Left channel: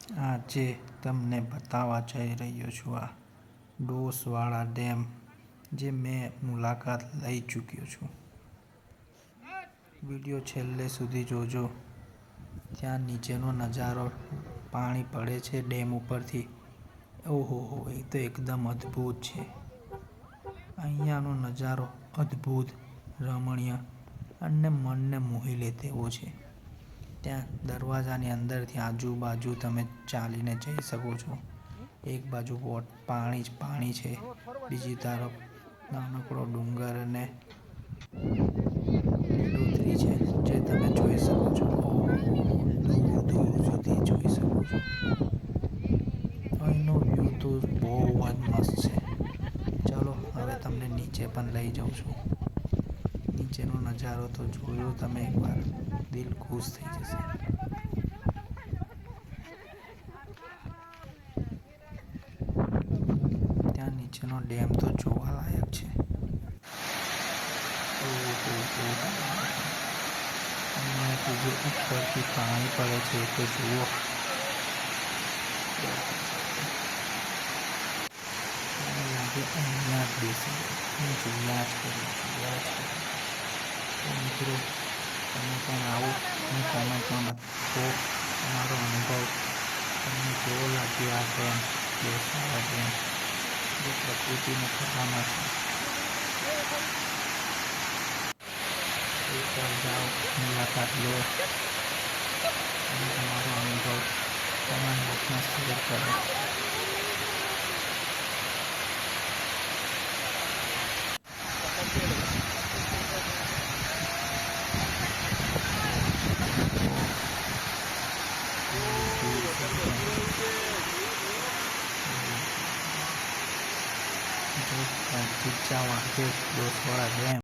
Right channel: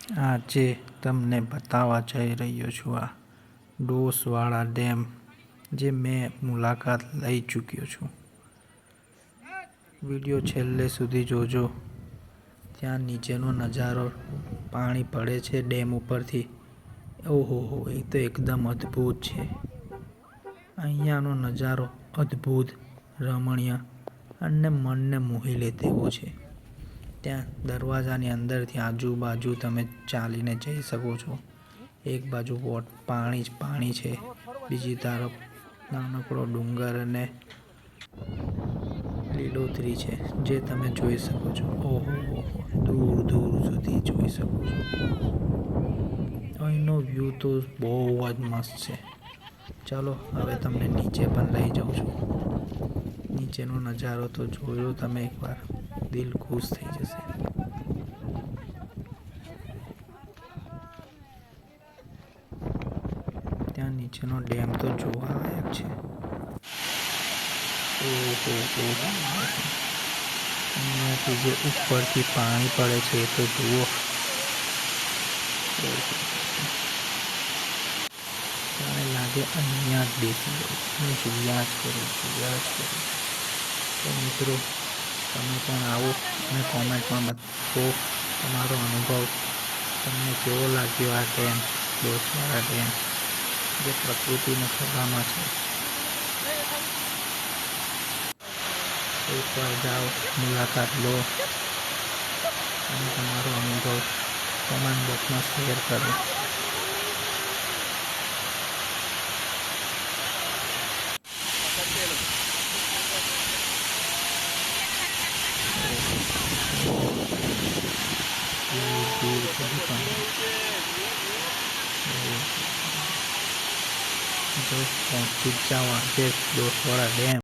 આજે તમને બતાવવા જઈ રહ્યો છું આ ડોસવાળા ડેમ, જે મેં મુલાકાત લઈ ચૂક્યો છું. વિડીયો છેલ્લે સુધી જોજો. ત્યાં નીચેનો નજારો, પાણી પડે છે ડેમ ઉપરથી. ઓહોહો, એ તો એકદમ અદ્ભુત છે. અહીંયાનો નજારો અદ્ભુત, રમણીય અને મનને મોહી લે તેવો છે. ત્યાં દરવાજાની અંદરથી આજુબાજુ તમે ચાલીને જઈ શકો છો. એક બાજુ પાણી જ પાણી છે, બીજી તરફ નાનકડો ડુંગર અને લીલોતરી છે, જે તમે જોઈ શકો છો. ઓહો, દૂર દૂર સુધી જોઈ શકો છો. અહીંનો વ્યૂ તો બહુ જ મસ્ત છે. ચાલો હવે તમને નીચે પણ લઈ જાઉં છું. નીચેનો નજારો તો જોયો તમે એકવાર, દિલ ખુશ થઈ જશે. ત્યાં નીચેનો ડેમ તો જોવા લાયક છે. અહીંયાથી જે ઉપરથી પાણી પડે છે એ તો જુઓ. મને લાગે અહીંયા જ બેસી ગયો, જોયા જ કરું. તો મિત્રો, તમે પણ આવો અને કોમેન્ટમાં બતાવો તમારો અનુભવ. તમને કેવો લાગ્યો આ ડેમ, ડોસવાળા ડેમ, જે પ્રકૃતિનો ખજાનો છે. એકવાર જાઓ, મુલાકાત લો અને તમારો અનુભવ કોમેન્ટ બોક્સમાં શેર કરો. પહોંચી જ જાઓ આજે ડોસવાળા ડેમ.